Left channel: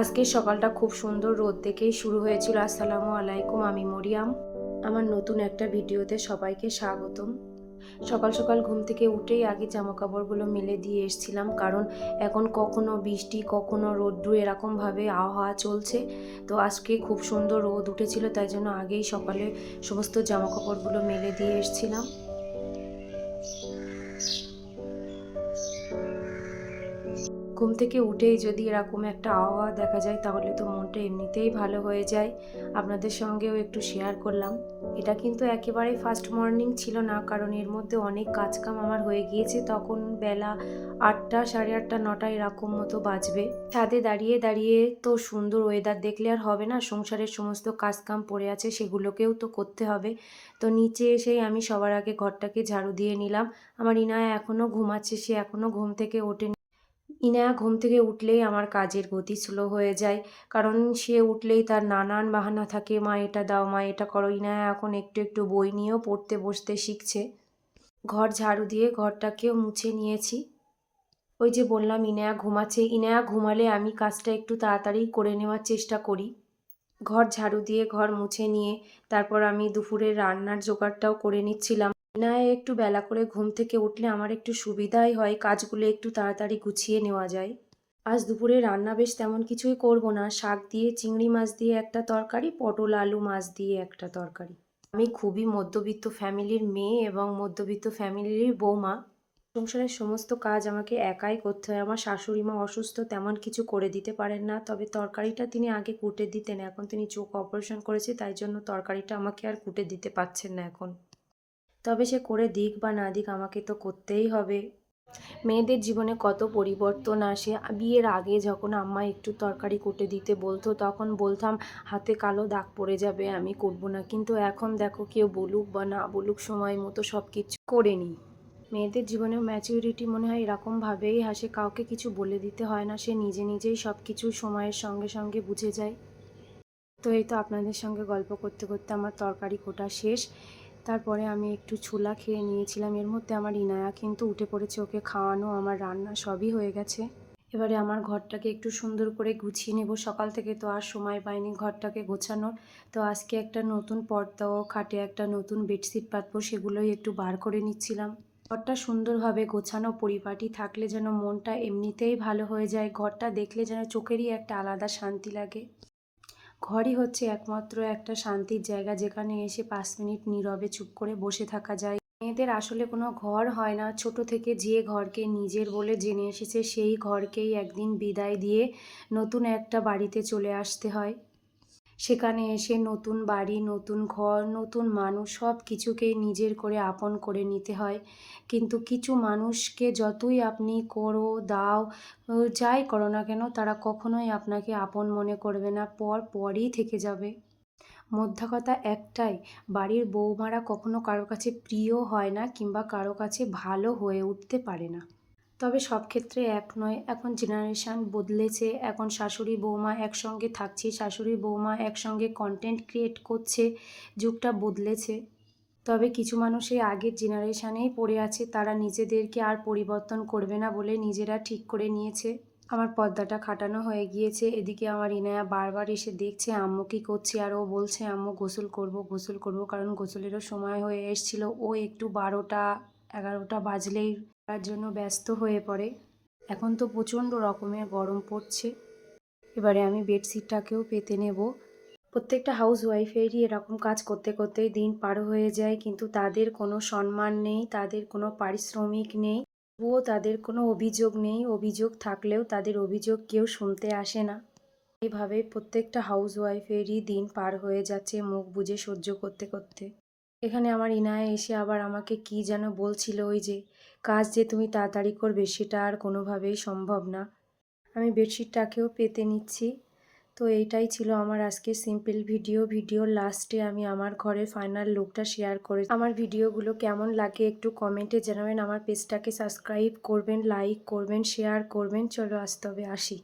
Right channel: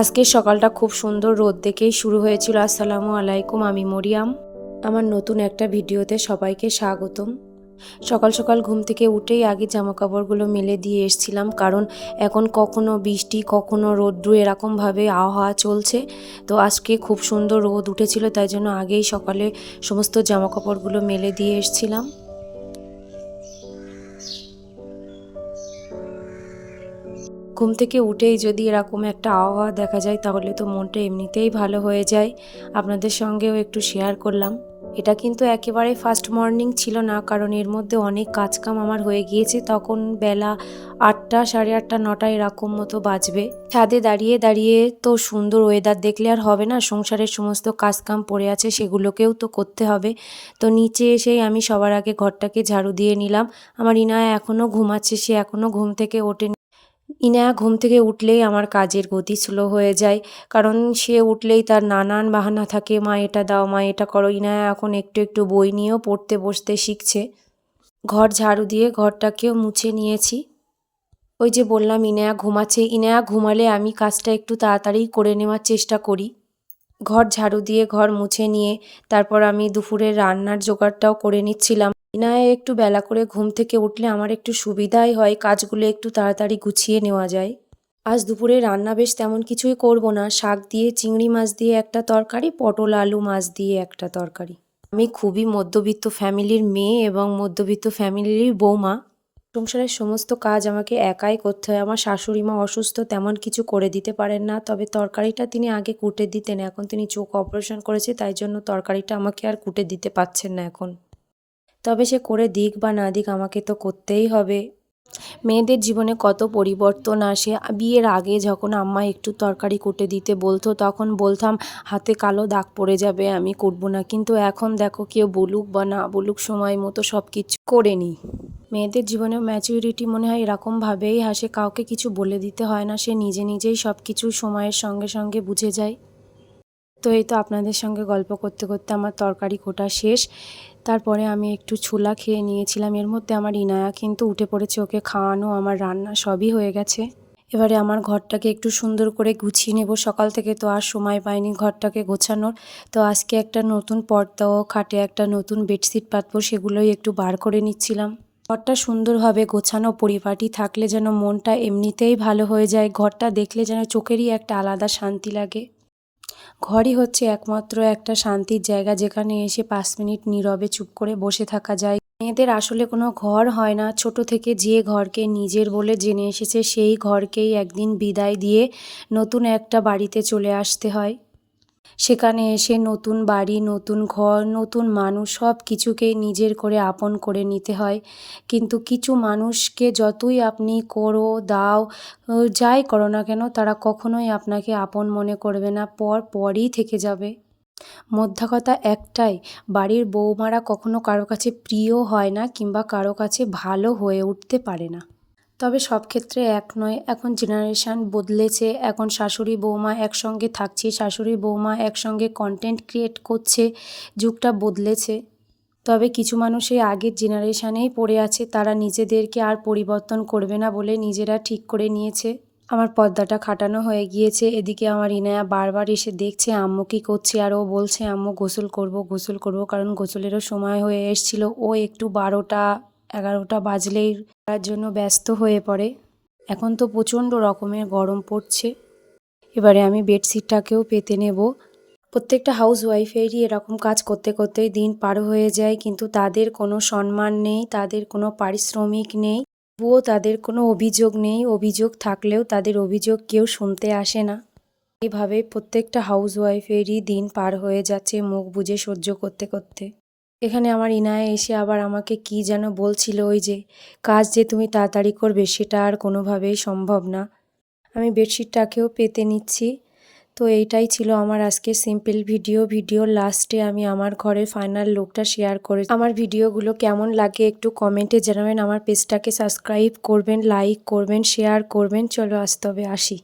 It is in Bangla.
আজকের সকালটা খুব সুন্দর রোদ দেখেই শুরু হয়েছিল। আসসালামু আলাইকুম, আমি মরিয়াম। আমার নতুন একটা ভিডিওতে সবাইকে স্বাগতম। সকাল সকাল ঘুম থেকে উঠেই আগে জামাকাপড়গুলো মেলে দিয়ে এসছিলাম, কারণ এখন কখনো বৃষ্টি কখনো রোদ্দুর এরকমভাবে আবহাওয়া চলছে। তো আজকে খুব সুন্দর রোদ উঠেছিল, তাই জন্য আগেই সকালে সমস্ত জামাকাপড়গুলো মেলে দিয়ে এসছিলাম। ঘুম থেকে উঠেই যদি এরকম একটা আবহাওয়া দেখা যায় তাহলে তো মনটা এমনিতেই ভালো হয়ে যায়। আপনাদের সঙ্গেও একটু শেয়ার করলাম। এটা কিন্তু একেবারে ফার্স্ট মর্নিং ছিল না, কারণ এর মধ্যে অনেক কাজকাম আমার হয়ে গিয়েছে। তখন বেলা 8টা, সাড়ে 8টা, 9টা এরকম মতো বাজবে। ছাদে দাঁড়িয়ে দাঁড়িয়ে তো সুন্দর ওয়েদার দেখলে আর হবে না, সংসারের সমস্ত কাজকাম পড়ে আছে সেগুলোকেও তো করতে হবে। তো নিচে এসেই আমি সবার আগে ঘরটাকে ঝাড়ু দিয়ে নিলাম। আমার ইনায়া এখনও ঘুমাচ্ছে, সে এখনও ঘুম থেকে ওঠেনি। ইনায়া ঘুম থেকে উঠলেই আমার কাজের গতি স্লো হয়ে যায়, কারণ সে উঠলেই তার নানান বাহানা থাকে, মা এটা দাও, মা এটা করো। ইনায়া এখন একটু একটু বই নিয়েও পড়তে বসতে শিখছে। ঘর ঝাড়ু দিয়ে ঘরটাকেও মুছে নিয়েছি। ওই যে বললাম ইনায়া ঘুমাচ্ছে, ইনায়া ঘুমালে আমি কাজটা একটু তাড়াতাড়ি করে নেওয়ার চেষ্টা করি। ঘর ঝাড়ু দিয়ে ঘর মুছে নিয়ে তারপর আমি দুপুরের রান্নার জোগাড়টাও করে নিচ্ছিলাম। ইনায়া একটু বেলা করে ঘুম থেকে উঠলে আমার একটু সুবিধাই হয়, কাজগুলো একটু তাড়াতাড়ি গুছিয়ে নেওয়া যায়। আজ দুপুরে রান্না বেশ তেমন কিছুই করব না, শাক দিয়ে চিংড়ি মাছ দিয়ে একটা তরকারি, পটল আলু মাছ দিয়ে একটা তরকারি। আমি খুবই মধ্যবিত্ত ফ্যামিলির মেয়ে এবং মধ্যবিত্ত ফ্যামিলিরই বৌমা। সংসারের সমস্ত কাজ আমাকে একাই করতে হয়। আমার শাশুড়ি মা অসুস্থ, তেমন কিছু করে দিতে পারেন না, তবে তরকারিটা তিনি আগে কুটে দিতেন। এখন তিনি চোখ অপারেশন করেছে, তাই জন্য তরকারিটা আমাকে আর কুটে দিতে পারছেন না এখন। তবে সে করে দিক বা না দিক আমাকে তো করতেই হবে। মেয়েদের জীবনে কত পরিবর্তন আসে। বিয়ের আগে যখন আম্মা একটু তরকারি কুটে দিতে বলতো তখন বলতাম হাতে কালো দাগ পড়ে যাবে, আমি করব না। কিন্তু এখন দেখো, কেউ বলুক বা না বলুক, সময় মতো সব কিছু করে নিই। মেয়েদের জীবনে ম্যাচুরিটি মনে হয় এরকমভাবেই আসে, কাউকে কিছু বলে দিতে হয় না, সে নিজে নিজেই সব কিছু সময়ের সঙ্গে সঙ্গে বুঝে যায়। তো এই তো আপনাদের সঙ্গে গল্প করতে করতে আমার তরকারি কোটা শেষ। তারপরে আমি একটু ছোলা খেয়ে নিয়েছিলাম। এর মধ্যে আমার ইনায়া কিন্তু উঠে পড়েছে, ওকে খাওয়ানো, আমার রান্না সবই হয়ে গেছে। এবারে আমার ঘরটাকে একটু সুন্দর করে গুছিয়ে নেব। সকাল থেকে তো আর সময় পাইনি ঘরটাকে গোছানোর। তো আজকে একটা নতুন পর্দাও, খাটে একটা নতুন বেডশিট পাতবো, সেগুলোই একটু বার করে নিচ্ছিলাম। ঘরটা সুন্দরভাবে গোছানো পরিপাটি থাকলে যেন মনটা এমনিতেই ভালো হয়ে যায়। ঘরটা দেখলে যেন চোখেরই একটা আলাদা শান্তি লাগে। ঘরই হচ্ছে একমাত্র একটা শান্তির জায়গা, যেখানে এসে 5 মিনিট নীরবে চুপ করে বসে থাকা যায়। মেয়েদের আসলে কোনো ঘর হয় না, ছোট থেকে যে ঘরকে নিজের বলে জেনে এসেছে সেই ঘরকেই একদিন বিদায় দিয়ে নতুন একটা বাড়িতে চলে আসতে হয়। সেখানে এসে নতুন বাড়ি, নতুন ঘর, নতুন মানুষ, সব কিছুকেই নিজের করে আপন করে নিতে হয়। কিন্তু কিছু মানুষকে যতই আপনি করো দাও, যাই করো না কেন, তারা কখনোই আপনাকে আপন মনে করবে না, পরই থেকে যাবে। মোদ্দা কথা একটাই, বাড়ির বৌমারা কখনো কারো কাছে প্রিয় হয় না, কিংবা কারো কাছে ভালো হয়ে উঠতে পারে না। তবে সব ক্ষেত্রে এক নয়, এখন জেনারেশান বদলেছে। এখন শাশুড়ি বৌমা একসঙ্গে থাকছে, শাশুড়ি বৌমা একসঙ্গে কন্টেন্ট ক্রিয়েট করছে, যুগটা বদলেছে। তবে কিছু মানুষ এই আগের জেনারেশানেই পড়ে আছে, তারা নিজেদেরকে আর পরিবর্তন করবে না বলে নিজেরা ঠিক করে নিয়েছে। আমার পর্দাটা খাটানো হয়ে গিয়েছে। এদিকে আমার ইনায়া বারবার এসে দেখছে আম্মু কী করছে, আর ও বলছে আম্মু গোসল করব গোসল করব, কারণ গোসলেরও সময় হয়ে এসেছিল। ও একটু 12টা 11টা বাজলেই তার জন্য ব্যস্ত হয়ে পড়ে। এখন তো প্রচণ্ড রকমের গরম পড়ছে। এবারে আমি বেডশিটটাকেও পেতে নেব। প্রত্যেকটা হাউস ওয়াইফেরই এরকম কাজ করতে করতেই দিন পার হয়ে যায়, কিন্তু তাদের কোনো সম্মান নেই, তাদের কোনো পারিশ্রমিক নেই, তবুও তাদের কোনো অভিযোগ নেই। অভিযোগ থাকলেও তাদের অভিযোগ কেউ শুনতে আসে না। এইভাবে প্রত্যেকটা হাউস ওয়াইফেরই দিন পার হয়ে যাচ্ছে মুখ বুজে সহ্য করতে করতে। এখানে আমার ইনায়া এসে আবার আমাকে কি যেন বলছিল, ওই যে কাজ যে তুমি তাড়াতাড়ি করবে সেটা আর কোনোভাবেই সম্ভব না। আমি বেডশিটটাকেও পেতে নিচ্ছি। তো এইটাই ছিল আমার আজকে সিম্পল ভিডিওর লাস্টে আমি আমার ঘরের ফাইনাল লুকটা শেয়ার করে। আমার ভিডিওগুলো কেমন লাগে একটু কমেন্টে জানাবেন। আমার পেজটাকে সাবস্ক্রাইব করবেন, লাইক করবেন, শেয়ার করবেন। চলো আজ তবে আসি।